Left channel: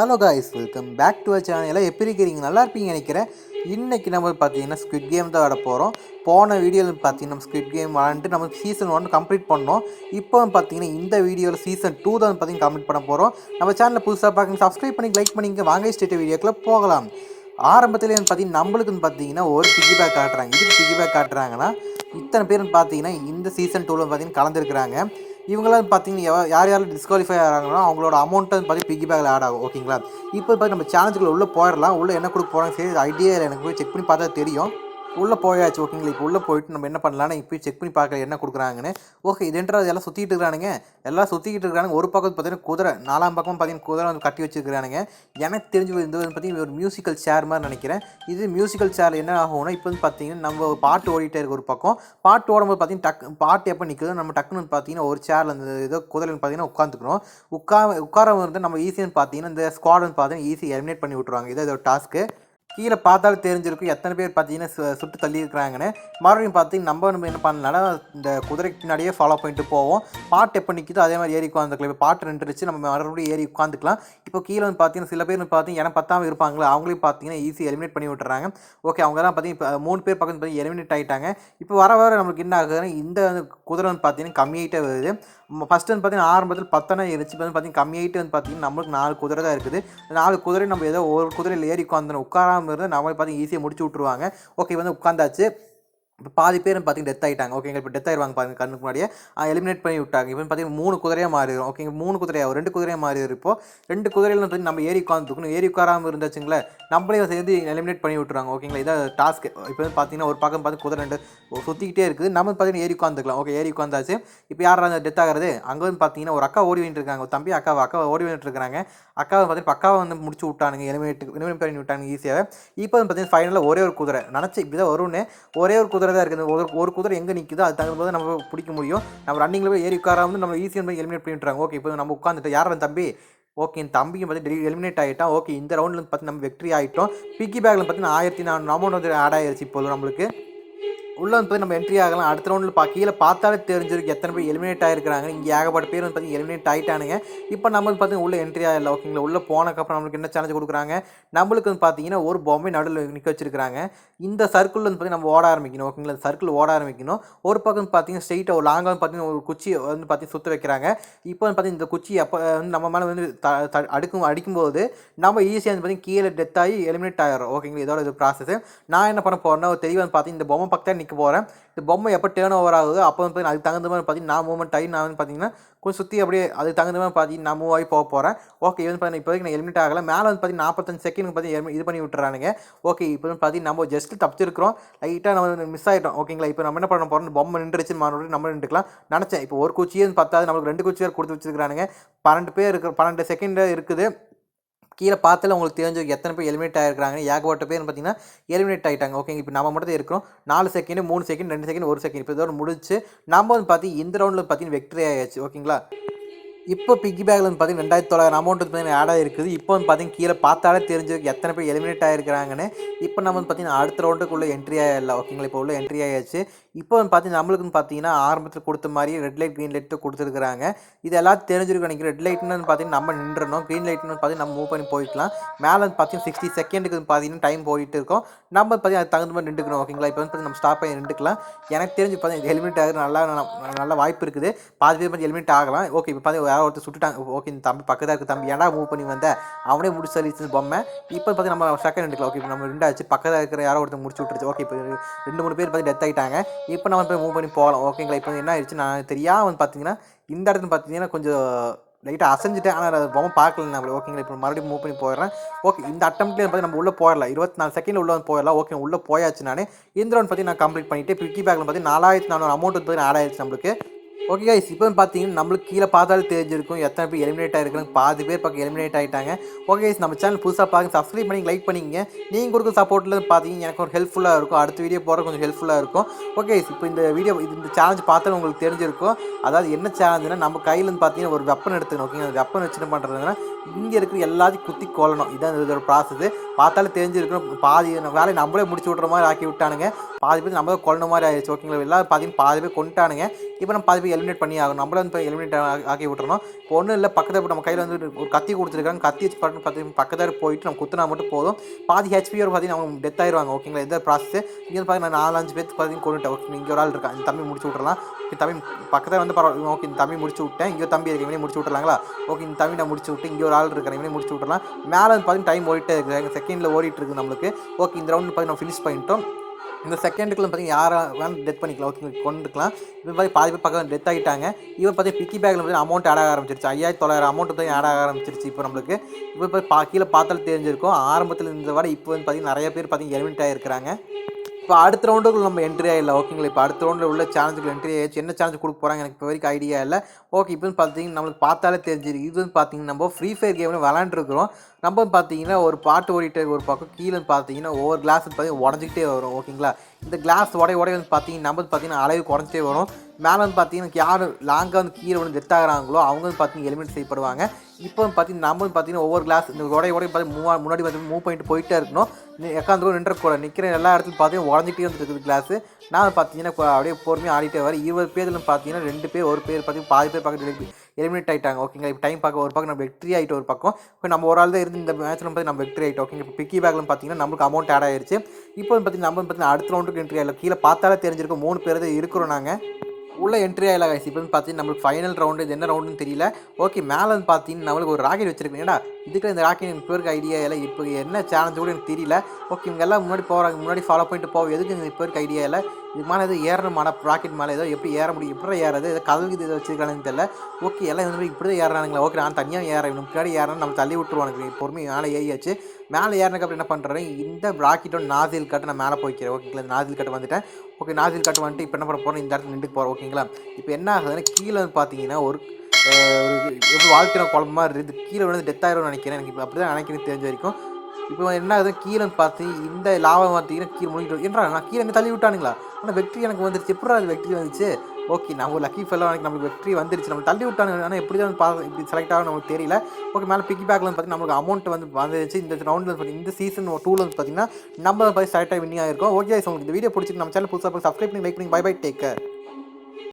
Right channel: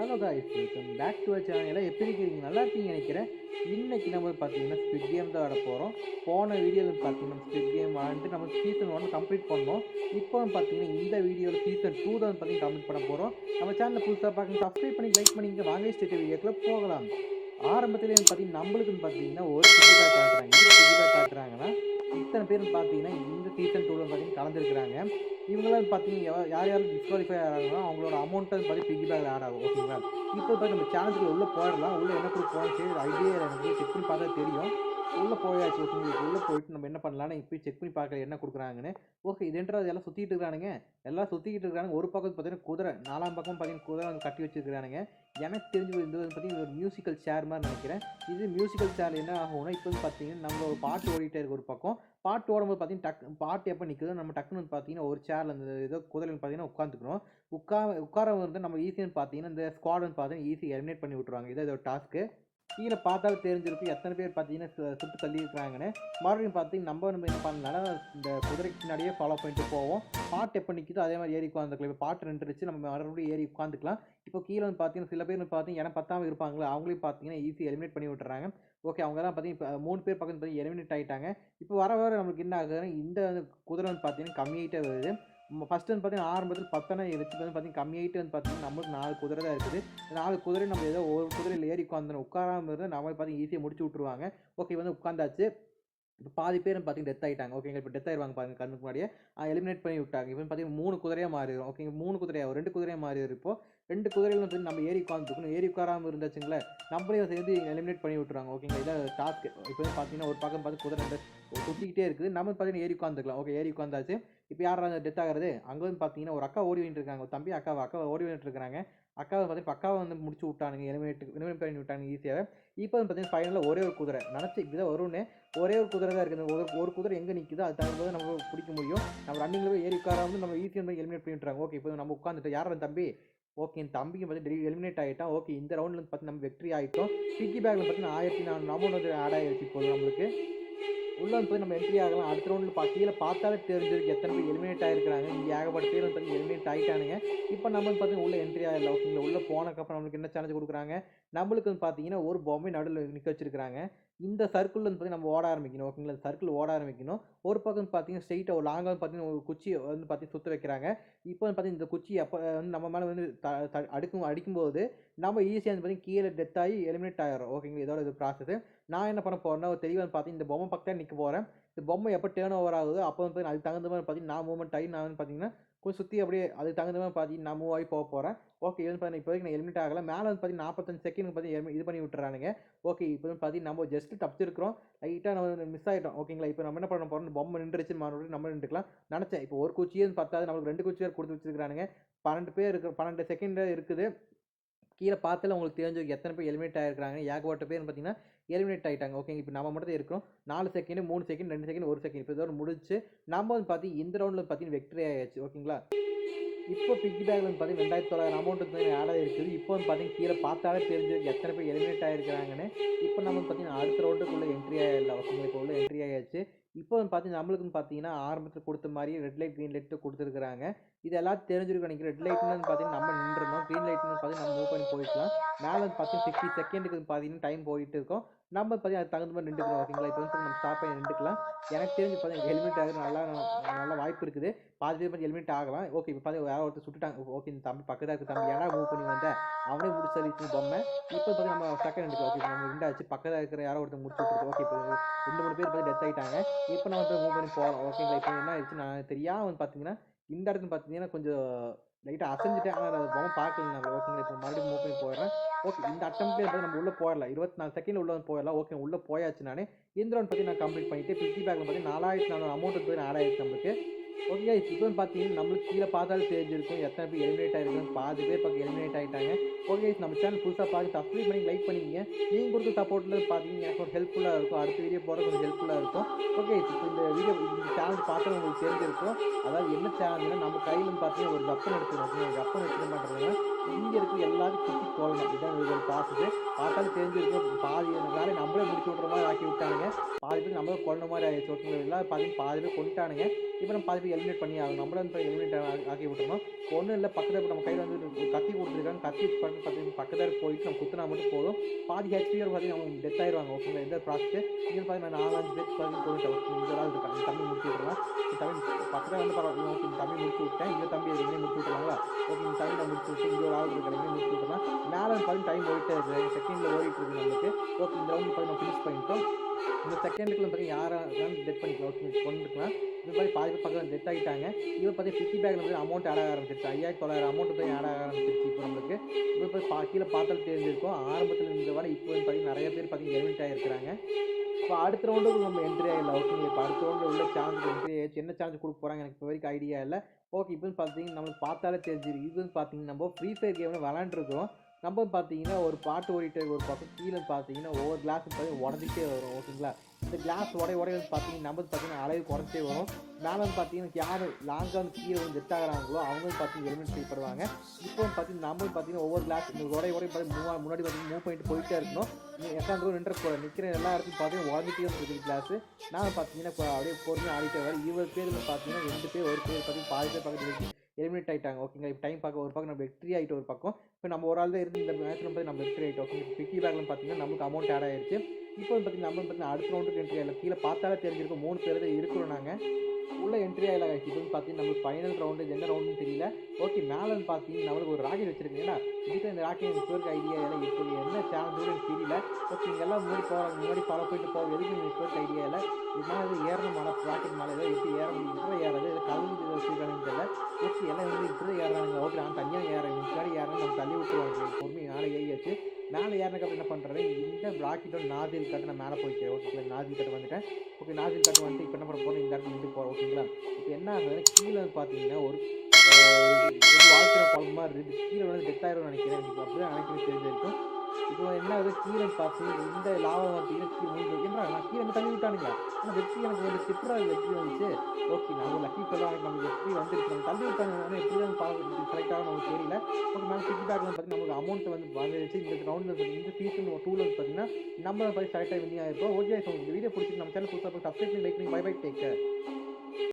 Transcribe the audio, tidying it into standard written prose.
Hello guys, welcome back to a channel. எல்லாம் எப்படி இருக்கிறீங்க? நல்லா இருப்பீங்க நினைக்கிறேன். இன்றைக்கி நம்ம பார்த்தீங்கன்னா ஸ்குவிட் கேம் தான் விட போகிறோம். போன வீடியோவில் பார்த்தீங்கன்னா நம்ம ஸ்குவிட் கேம் விளாண்டுட்டு நம்ம சீசன் 1 கம்ப்ளீட் பண்ணோம். இப்போ பார்த்தீங்கன்னா இந்த வீடியோவில் சீசன் 2 தான் பார்த்தீங்கன்னா கம்ப்ளீட் பண்ண போகிறோம். நம்ம சேனலில் புதுசாக பார்க்குங்க, சப்ஸ்கிரைப் பண்ணி லைக் பண்ணிங்க. வாங்க ஸ்டேட் வீடியோக்குள்ளே போகலாம். ஆரம்பத்துலேயே பார்த்தீங்கன்னா நம்மளுக்குன்னு பார்த்தீங்கன்னா ஒரு பிகி பேக் காட்டுறாங்க. இதுக்கு பிகி பேக் காட்டுறாங்கன்னா இத்தனை பேர்னு பார்த்தீங்கன்னா இந்த சீசன் 2ல் பார்த்தீங்கன்னா கலந்துருக்கிறாங்க. இவங்களாம் பார்த்தீங்கன்னா யார் யாரும் டிஸ்குவாலிஃபை ஆகிறாங்களோ அவங்களோட அமௌண்ட்டை பார்த்தீங்கன்னா பிகி பேக்கில் ஆட் ஆகும். ஓகேங்களா? இப்போ பார்த்து நம்ம சேலஞ்சுக்குள்ள உள்ளே போயிடலாம். உள்ளே என்ன கொடுக்க போகிறாங்க சரி ஐடியா இல்லை, எனக்கு போய் செக் பண்ணி பார்த்தா தெரியும். உள்ளே போயாச்சு. ஓகேங்களா? இப்போ உள்ளே போயிட்டு நம்ம என்ன பண்ணலாம்னா இப்போ செக் பண்ணி பார்க்க என்ன கொடுக்குறாங்கன்னு. ஓகே, இதுன்றது எல்லாம் சுற்றிட்டு இருக்கிறானுங்க. எல்லாம் சுற்றிக்கிட்டு இருக்கிறானுங்க. ஒரு பக்கம் பார்த்தீங்கன்னா குதிரை, நாலாம் பக்கம் பார்த்தீங்கன்னா குதிரை வந்து கட்டி வச்சுருக்கிறானுங்க. எனக்கு தெரிஞ்சு இது வந்து பார்த்தீங்கன்னா ஒரு மியூசிக்கல் சேர் மாதிரி நினைக்கிறேன். இது மியூசிக்கல் சேரில் என்ன ஆகும்னா இப்போ வந்து பார்த்தீங்கன்னா நம்ம பாட்டு ஓடிட்டே இருக்க ஒரு பக்கம். பாட்டு ஓடும்போது பார்த்தீங்கன்னா பாட்டு எப்போ நிற்குதோ நம்ம டக்குன்னு பார்த்தீங்கன்னா ஒரு சேரில் அந்த ஏதோ குதிரைன்னு பார்த்தீங்கன்னா உட்காந்துக்கணும். உட்கார வந்து நம்ம ஈஸின்னு பார்த்தீங்கன்னா இந்த ஸ்குவாட் வந்து பார்த்தீங்கன்னா ஈஸி எலிமினேட் பண்ணி விட்ருவாங்க. இதை ஒரு டாஸ்க்கு. கீழே பார்த்தாலும் தெரிஞ்சிருக்கும் எத்தனை பேர் பார்த்தீங்கன்னா சுட்டு தள்ளி இருக்கிறாங்கன்னு. மறுபடியும் பார்த்தீங்கன்னா நம்ம என்ன பண்ணலாம்னா இந்த குதிரைக்கு பின்னாடியே ஃபாலோ பண்ணிட்டு போவோம். பாட்டு எப்போ நிற்கிதோ அதே மாதிரி ஏறி உட்காந்துக்கலாம். இப்போ பாட்டு நின்றுச்சு, நம்ம மறுபடியும் ஏறி உட்காந்துக்கலாம். இப்போ கீழே வந்து பார்த்தீங்கன்னா சில பேர் பார்த்தீங்கன்னா இடம் பத்தாமல் இருப்பாங்களா, அவங்களையும் பார்த்தீங்கன்னா ஈஸி எலிமினேட் பண்ணி விட்டுறாங்க. ஓகே, அவங்கலாம் பார்த்தீங்கன்னா இப்போ 3 பேர் பக்கம் பார்த்தீங்கன்னா எலிமினேட் ஆகிட்டாங்க. இப்போ வர நம்மளுக்கு என்ன ஆகுதுன்னா இந்த குதிரை வந்து பார்த்தீங்கன்னா கம்மியாகிட்டே வருது. ஃபஸ்ட்டு வந்து பார்த்தீங்கன்னா ஆரம்பத்தில் 10 இருந்துச்சு. இப்போ வந்து பார்த்தீங்கன்னா கம்மியாகிட்டு வந்து பார்த்தீங்கன்னா நம்மளுக்கு 4 குதிரை தான் இருக்குது. 4 குதிரை நம்ம ஏதோ ஒரு குதிரையில் ஏறி உட்காராமல் இருந்தால் நம்மளை பார்த்தீங்கன்னா ஈஸியாக முடிச்சு விட்ருவாங்க. ஓகே, வந்து உட்காந்தாச்சு. இப்போ பாதி பேர் பார்த்தீங்கன்னா டெத் ஆகிட்டாங்க. ஓகேங்க, இப்போ டெத் ஆயிடுவாங்க பாருங்க கண்ணுக்கு முன்னாடியே. எலிமினேட் பண்ணி விட்டாங்க. இப்போ பார்த்தீங்கன்னா 3 குதிரையாக மாறிடும். ஓகேங்க, 3 குதிரையாக 2 குதிரையாக மாறிடும். இப்போ 2 குதிரையில் வந்து நம்ம ஏறி உட்காந்துக்கணும். ஏறி உட்காராமல் இருந்தாச்சுங்களேன் நம்மளே சேர்ந்து எலிமினேட் பண்ணி விட்டுருவாங்க. ஓகேங்களா? இதான் டாஸ்க். இப்போ வந்து பார்த்தீங்கன்னா ஒரு பக்கம் பார்த்து குதிரை 2 சுற்றிக்கிட்டே இருக்குது. நம்ம பார்த்தீங்கன்னா ஏறி உட்காந்துக்கலாம். ஓகே, ஏறி உட்காந்தாச்சு. இப்போ யார் அந்த டெத் ஆகிறது? அங்கே வந்து பார்த்தீங்கன்னா ஒரு அக்கா ஓடி வந்துட்டு இருக்காங்க. ஒரு தம்பி அக்கா ஓடி வந்துட்டு இருக்காங்க. அக்காவை பார்த்தீங்கன்னா அக்காவை வந்து முடிச்சு விட்டானுங்க. எலிமினேட் பண்ணி விட்டானுங்க ஈஸியாக. இப்போ வந்து பார்த்தீங்கன்னா ஃபைனலாக ஒரே ஒரு குதிரை நினச்சி இப்படி தான் வரும்னு ஒரே ஒரு குதிரை தான் இருக்குது. ஒரு குதிரை எங்கே நிற்குதோ அது தகுந்த நம்ம பிடிக்க முடியும். நம்ம ரன்னிங்கில் போய் ஏறி உட்காராம நம்ம ஈஸியாக எலிமினேட் பண்ணிவிட்றாங்க. ஓகே, இப்போ நம்ம உட்காந்துட்டு யார் அந்த தம்பி? ஓகே, இந்த தம்பிக்கு பார்த்து எலிமினேட் ஆகிட்டான். ஓகே, இந்த ரவுண்டில் பார்த்து நம்ம வெற்றி ஆகிட்டோம். பிக்கி பேக்கில் பார்த்தீங்கன்னா 1400 அமௌண்ட் வந்து ஆட் ஆகிடுச்சு. இப்போது நம்மளுக்கு உள்ளே வந்து நம்ம என்ட்ரி ஆகலாம். அடுத்த ரவுண்டில் கீழே பார்த்தாலே தெரிஞ்சிருக்கு எத்தனை பேர் எலிமினேட் ஆகிருக்கிறாங்க. இங்கே ஏகப்பட்ட பேர் வந்து பார்த்தீங்கன்னா எலிமினேட் ஆகிட்டானுங்க. இப்போ நம்ம வந்து பார்த்தீங்கன்னா உள்ளே என்ட்ரி ஆகல. ஓகேங்களா? உள்ளே போனக்கப்புறம் நம்மளுக்கு என்ன சேலஞ்ச் கொடுக்குறாங்க? நம்மளுக்கு வந்து பார்த்தீங்கன்னா ஒரு பொம்மை நடுவில் நிற்க வச்சிருக்கிறாங்க. இந்த சர்க்கிள் வந்து பார்த்தீங்கன்னா நம்ம ஓட ஆரம்பிக்கணும். ஓகேங்களா? சர்க்கிள் ஓட ஆரம்பிக்கணும். ஒரு பக்கம் பார்த்தீங்கன்னா ஸ்ட்ரெயிட்டாக ஒரு லாங்காக வந்து பார்த்தீங்கன்னா ஒரு குச்சி வந்து பார்த்தீங்கன்னா சுற்ற வைக்கிறாங்க. இப்போ வந்து பார்த்தீங்கன்னா இந்த குச்சி எப்போ வந்து நம்ம மேலே வந்து அடிக்கும்போது நம்ம ஈஸியாக வந்து பார்த்தீங்கன்னா கீழே டெத் ஆகி எலிமினேட் ஆகிடும். ஓகேங்களா? இதோட இது ப்ராசஸ். நான் என்ன பண்ண போகிறேன்னா ஒரு தெளிவாக பார்த்தீங்கன்னா இந்த பொம்மை பக்கத்தில் நிற்க போகிறேன். இந்த பொம்மை எப்போ டேர்ன் ஓவர் ஆகுது அப்போ வந்து அதுக்கு தகுந்த மாதிரி பார்த்தீங்கன்னா நான் மூவ்மெண்ட் ஆகி நான் வந்து பார்த்தீங்கன்னா கொஞ்சம் சுற்றி அப்படியே அதுக்கு தகுந்த மாதிரி பார்த்தீங்கன்னா நான் மூவ் ஆகி போகிறேன். ஓகே, இது வந்து பார்த்தீங்கன்னா இப்போதைக்கு நான் எலிமினேட் ஆகலை. மேலே வந்து பார்த்தீங்கன்னா 45 செகண்ட் பார்த்தீங்கன்னா இது பண்ணி விட்டுறானுங்க. ஓகே, இப்போ வந்து பார்த்தீங்கன்னா நம்ம ஜஸ்ட் தப்பிச்சிருக்கிறோம். லைட்டாக நம்ம மிஸ் ஆகிட்டோம். ஓகேங்களா? இப்போ நம்ம என்ன பண்ண போகிறோம்? பொம்மை நின்றுச்சு, மறுபடியும் நம்ம நின்றுக்கலாம் நினச்சேன். இப்போ ஒரு குச்சியே பத்தாது, நம்மளுக்கு 2 குச்சி கொடுத்து வச்சிருக்கானுங்க. 12 பேர் இருக்குது, 12 செகண்ட் இருக்குது. கீழே பார்த்தால உங்களுக்கு தெரிஞ்சு எத்தனை பேர் எலிமினேட் ஆகிருக்கிறாங்க. ஏகப்பட்ட பேர் பார்த்தீங்கன்னா எலிமினேட் ஆகிட்டாங்க. ஓகேங்க, இப்போ நம்ம மட்டும் தான் இருக்கிறோம். 4 செகண்ட், 3 செகண்ட், 2 செகண்ட், 1 செகண்ட் இப்போ இதோட முடிச்சு நம்ம வந்து பார்த்தீங்கன்னா இந்த ரவுண்டில் பார்த்தீங்கன்னா வெக்ட்ரி ஆயாச்சு. ஓகேங்களா? இப்போ பிக்கி பேக்கில் வந்து பார்த்தீங்கன்னா 2900 அமௌண்ட் வந்து பார்த்தீங்கன்னா ஆட் ஆகிருக்குது. இப்போ வந்து பார்த்தீங்கன்னா கீழே பார்த்தாலே தெரிஞ்சிருக்கு எத்தனை பேர் எலிமினேட் ஆகிருக்கிறாங்கன்னு. இப்போ நம்ம வந்து பார்த்தீங்கன்னா அடுத்த ரவுண்டுக்குள்ளே என்ட்ரி ஆகிடலாம். ஓகேங்களா? இப்போ உள்ள என்ட்ரி ஆயாச்சு. இப்போ வந்து பார்த்தீங்கன்னா நம்மளுக்குன்னு பார்த்தீங்கன்னா ஆரம்பத்தில் கொடுத்த மாதிரி ரெட் லைட் க்ரீன் லைட்டு கொடுத்துருக்குறாங்க. இது எல்லாத்தையும் தெரிஞ்சிருக்கும் நினைக்கிறேன். ரெட் லைட்னு பார்த்தீங்கன்னா நம்ம நின்றுணும். க்ரீன் லைட்னு பார்த்தீங்கன்னா நம்ம மூவ் பண்ணி போய்க்கலாம். மேலே வந்து பார்த்தீங்கன்னா 60 செகண்டுக்கு பார்த்தீங்கன்னா டைம் போயிட்டு இருக்கும். நம்ம பார்த்தீங்கன்னா அதுக்கு தகுந்த மாதிரி நின்றுக்கணும். ஓகேங்களா? இப்போ வந்து பார்த்தீங்கன்னா நம்ம ஸ்டாப் பண்ணி நின்றுக்கலாம். எனக்கு தெரிஞ்சு பார்த்தீங்கன்னா எலிமினேட் ஆகிறது நல்ல வாய்ப்பு இருக்குது. பாதி பேர் வந்து எலிமினேட் ஆகலாம். ஓகே, இப்போ பார்த்தீங்கன்னா யாரோ ஒருத்தர் சுட்டுட்டாங்க. ஓகே, இந்த தம்பி பக்கத்தில் இருக்க தம்பி ஏன்னா மூவ் பண்ணி வந்த அவனே முடிச்சு சொல்லிச்சு பொம்மை. இப்போ பார்த்தீங்கன்னா நம்ம செகண்ட் நின்றுக்கலாம். ஓகே, இப்போ நம்ம ரெண்டாச்சு பக்கத்தில் இருக்கிற யாரோ ஒருத்தர் முடிச்சு விட்டுருச்சு. ஓகே, இப்போ 2-3 பேர் பார்த்து டெத் ஆகிட்டாங்க. இப்போ நம்ம போய் மூவ் பண்ணி போகலாம். ஓகேங்களா? இப்போ என்ன ஆயிடுச்சு நான் தெரியாமல் வந்து பார்த்தீங்கன்னா இந்த இடத்துல பார்த்தீங்கன்னா கொஞ்சம் லைட்டாக அசைஞ்சிட்டேன். ஆனால் அது பொம்மை பார்க்கல நம்மள. ஓகேங்களா? இப்போ மறுபடியும் மூவ் பண்ணி போயிடுறேன். ஓகே, இந்த அட்டம்ப்ட்லேயே பார்த்து நம்ம உள்ளே போயிடலாம். 24 செகண்ட் உள்ள வந்து போயிடலாம். ஓகே, உள்ளே போயாச்சு. நான் இந்த ரவுண்ட் பார்த்தீங்கன்னா நான் கம்ப்ளீட் பண்ணிவிட்டு பிக்கி பேக்கில் பார்த்தீங்கன்னா 4400 அமௌண்ட் வந்து ஆட் ஆயிடுச்சு நம்மளுக்கு. ஓகே கைஸ், இப்போ பார்த்தீங்கன்னா நம்மளுக்கு கீழே பார்த்தாலே தெரிஞ்சிருக்கும் எத்தனை பேர் எலிமினேட் ஆகிருக்காங்க. பாதி பேர் பக்கம் எலிமினேட் ஆகிட்டாங்க. ஓகே கைஸ், நம்ம சேனல் புதுசாக பார்க்க சப்ஸ்கிரைப் பண்ணி லைக் பண்ணிங்க. நீங்கள் கொடுக்குற சப்போர்ட்டில் பார்த்தீங்கன்னா எனக்கு ஒரு ஹெல்ப்ஃபுல்லாக இருக்கும். அடுத்த வீடியோ போகிற கொஞ்சம் ஹெல்ப்ஃபுல்லாக இருக்கும். ஓகே கைஸ், இப்போ இந்த சேலஞ்ச் பார்த்தாலும் உங்களுக்கு தெரிஞ்சிருக்கும். அதாவது என்ன சேலஞ்சுனா நம்ம கையில் பார்த்தீங்கன்னா ஒரு வெப்பன் எடுத்துக்கணும். ஓகேங்க, அந்த வெப்பன் வச்சு என்ன பண்ணுறதுன்னா இங்கே இருக்கிற எல்லாத்தையும் குத்தி கொல்லணும். இதான் இதோட ப்ராசஸ். பார்த்தாலே தெரிஞ்சிருக்கணும். பாதி வேலையை நம்மளே முடிச்சு விட்ற மாதிரி ஆக்கி விட்டானுங்க. பாதி பேர் நம்மளே கொல்லுன மாதிரி ஆயிடுச்சு. ஓகேங்களா? எல்லாரும் பார்த்தீங்கன்னா பாதி பேர் கொண்டுட்டானுங்க. இப்போ நம்ம பாதி பேர் எலிமினேட் பண்ணி ஆகணும். நம்மளே வந்து எலிமினேட் ஆக்கி விட்டுறணும். இப்போ ஒன்றும் இல்லை, பக்கத்தில் நம்ம கையில் வந்து ஒரு கத்தி கொடுத்துருக்காங்க. கத்தி வச்சு பார்த்தீங்கன்னா பக்கத்தில் போயிட்டு நம்ம குத்துனா மட்டும் போதும். பாதி ஹெச்பியோட பார்த்தீங்கன்னா அவங்க டெத் ஆயிடுவாங்க. ஓகேங்களா? இதான் ப்ராசஸ். இங்கே பார்த்தீங்கன்னா 4-5 பேருக்கு பார்த்தீங்கன்னா கொண்டுட்டேன். ஓகே, இங்கே ஒரு ஆள் இருக்கான். இந்த தம்பி முடிச்சு விட்றலாம். இந்த தம்பி பக்கத்தில் வந்து பரவாயில்ல. ஓகே, இந்த தம்பி முடிச்சு விட்டேன். இங்கே தம்பி இருக்கு, இவனே முடிச்சு விட்றலாங்களா? ஓகே, இந்த தம்பி நான் முடிச்சு விட்டு இங்கே ஒரு ஆள் இருக்கிறேன், இவனே முடிச்சு விட்றலாம். மேலே வந்து பார்த்தீங்கன்னா டைம் ஓடிட்டே இருக்குது. செகண்டில் ஓடிட்டு இருக்குது நம்மளுக்கு. ஓகே, இந்த ரவுண்ட் பார்த்தீங்கன்னா நம்ம ஃபினிஷ் பண்ணிட்டோம். இந்த செகண்டுக்குள்ள பார்த்தீங்கன்னா யாரை வேணும் டெத் பண்ணிக்கலாம். ஓகே, கொண்டுக்கலாம். இப்போ பார்த்து பாதி பேர் பக்கம் டெத் ஆகிட்டாங்க. இவன் பார்த்தீங்கன்னா பிக்கி பேக்கில் பார்த்தீங்கன்னா அமௌண்ட் ஆட் ஆக ஆரம்பிச்சிருச்சு. 5900 அமௌண்ட் தான் ஆட் ஆக ஆரம்பிச்சிருச்சு. இப்போ நம்மளுக்கு இப்போ கீழே பார்த்தாலும் தெரிஞ்சிருக்கும். ஆரம்பத்தில் இருந்த விட இப்போ வந்து பார்த்தீங்கன்னா நிறைய பேர் பார்த்தீங்கன்னா எலிமினேட் ஆகிருக்கிறாங்க. இப்போ அடுத்த ரவுண்டுக்குள்ள நம்ம என்ட்ரி ஆகிடல. ஓகேங்களா? இப்போ அடுத்த ரவுண்டில் உள்ள சேலஞ்சுக்கு என்ட்ரி ஆகிடுச்சு. என்ன சேலஞ்சு கொடுக்க போகிறாங்க எனக்கு இப்போ வரைக்கும் ஐடியா இல்லை. ஓகே, இப்போ பார்த்தீங்கன்னா நம்மளுக்கு பார்த்தாலே தெரிஞ்சிருக்கு. இது வந்து பார்த்தீங்கன்னா நம்ம ஃப்ரீ ஃபயர் கேமில் விளாண்டுருக்குறோம். நம்ம பார்த்தீங்கன்னா ஒரு பாட்டு ஓடிட்டு ஒரு பக்கம் கீழே பார்த்தீங்கன்னா ஒவ்வொரு கிளாஸ் பார்த்தீங்கன்னா உடஞ்சிக்கிட்டே வரும். ஓகேங்களா? இந்த கிளாஸ் உடைய வந்து பார்த்தீங்கன்னா நம்ம பார்த்தீங்கன்னா அளவு குறைஞ்சிட்டே வரும். மேலே வந்து பார்த்தீங்கன்னா யார் லாங்காக வந்து கீழே வந்து டெத் ஆகிறாங்களோ அவங்க வந்து பார்த்தீங்கன்னா எலிமினேட் செய்யப்படுவாங்க. இப்போ வந்து பார்த்தீங்கன்னா நம்ம வந்து பார்த்தீங்கன்னா ஒவ்வொரு கிளாஸ் இந்த உடைய பார்த்தீங்கன்னா முன்னாடி வந்து மூவ் பண்ணிட்டு போயிட்டே இருக்கணும். எக்காந்து நின்றக்கூடாது. நிற்கிற எல்லா இடத்துலையும் பார்த்தீங்கன்னா உடஞ்சிட்டே வந்துருக்குது கிளாஸு. நான் பார்த்தீங்கன்னா அப்படியே பொறுமையாக ஆடிட்டே வரேன். 20 பேர்ல பார்த்தீங்கன்னா 2 பேர், ஒரு பேர் பார்த்தீங்கன்னா பாதி பேர் பக்கத்தில் எலிமினேட் ஆகிட்டாங்க. ஓகேங்களா? இப்போ டைம் பார்க்க ஒரு பக்கம் நம்ம வெக்ட்ரி ஆகிட்டு ஒரு பக்கம். இப்போ நம்ம ஒரு ஆள் தான் இருந்து இந்த மேட்ச்சில் பார்த்து நம்ம வெக்ட்ரி ஆகிட்டோம். ஓகேங்க? இப்போ பிக்கி பேக்கில் பார்த்தீங்கன்னா நம்மளுக்கு அமௌண்ட் ஆட் ஆயிடுச்சு. இப்போ வந்து பார்த்தீங்கன்னா நம்ம பார்த்தீங்கன்னா அடுத்த ரவுண்டுக்கு என்ட்ரி ஆகல. கீழே பார்த்தாலே தெரிஞ்சிருக்கும் 3 பேர் தான் இருக்கிறோம் நாங்கள். உள்ள என்ட்ரி ஆகல கைஸ். இப்போ வந்து பார்த்தீங்கன்னா நம்மளுக்கு ஃபைனல் ரவுண்டு. இது என்ன ரவுண்டுன்னு தெரியல. ஓகே, மேலே வந்து பார்த்தீங்கன்னா நம்மளுக்கு ஒரு ராக்கெட் வச்சிருக்கேன். ஏன்னா இதுக்கு இந்த ராக்கெட் எனக்கு பேருக்கு ஐடியா இல்லை. இப்போ என்ன சேலஞ்சு கூட எனக்கு தெரியல. ஓகே, இவங்க எல்லாம் முன்னாடி போகிறாங்க. முன்னாடி ஃபாலோ பண்ணிட்டு போவோம். எதுக்கு எனக்கு பேருக்கு ஐடியா இல்லை. இது மேலே எதுவும் ஏறணுமான ராக்கெட் மேலே ஏதோ எப்படி ஏற முடியும், எப்படி ஏறது, ஏதோ கதவு இது வச்சுருக்கானுன்னு தெரியல. ஓகே, எல்லாம் இவங்க இப்படி தான் ஏறானுங்களா? ஓகே, நான் தனியாக ஏறேன். முன்னாடி ஏறேன்னு நம்ம தள்ளி விட்டுருவானுங்க. பொறுமையாக மேலே ஏறியாச்சு. மேலே ஏறினதுக்கப்புறம் என்ன பண்ணுறேன், இந்த ராக்கெட்டோட நாசில் கட்டு நான் மேலே போய்க்கிறேன். ஓகேங்களா? நாசில் கட்டு வந்துட்டேன். ஓகே, நாசில் கட்டு வந்துட்டு இப்போ என்ன பண்ண போகிறோம், இந்த இடத்துல நின்று போகிறோம். ஓகேங்களா? இப்போ என்ன ஆகுதுன்னா கீழே வந்து பார்த்தீங்கன்னா ஒரு எப்படி வாழ்க்கையில குழம்பு மாதிரி இருக்குது. கீழே வந்து டெத் ஆகிடும்னு நினைக்கிறேன். எனக்கு இப்போ அப்படி தான் நினைக்கிறேன் தெரிஞ்ச வரைக்கும். இப்போ என்ன ஆகுது, கீழே பார்த்து இந்த லாபம் பார்த்தீங்கன்னா கீழே முடிக்கிட்டு என்றா நான் கீழே என்ன தள்ளி விட்டானுங்களா? ஆனால் வெற்றி எனக்கு வந்துருச்சு. எப்படா அது வெற்றி வந்துச்சு? ஓகே, நம்ம ஒரு லக்கி ஃபெல்லோ எனக்கு நம்மளுக்கு வெற்றி வந்துருச்சு. நம்ம தள்ளி விட்டானுங்க. ஆனால் எப்படி தான் இப்படி செலக்ட் ஆகும் நமக்கு தெரியல. ஓகே, மேலே பிக்கி பேக்கில் பார்த்தீங்கன்னா நம்மளுக்கு அமௌண்ட் வந்து வந்துருச்சு. இந்த ரவுண்டில் இந்த சீசன் 2 வந்து பார்த்தீங்கன்னா நம்ம செலக்ட் ஆகி வின்னிங் ஆகிருக்கோம். ஓகே, உங்களுக்கு இந்த வீடியோ பிடிச்சிருக்கு. நம்ம சேனல் புதுசாக சப்ஸ்கிரைப் பண்ணி லைக் பண்ணி பை பை டேக் கேர்.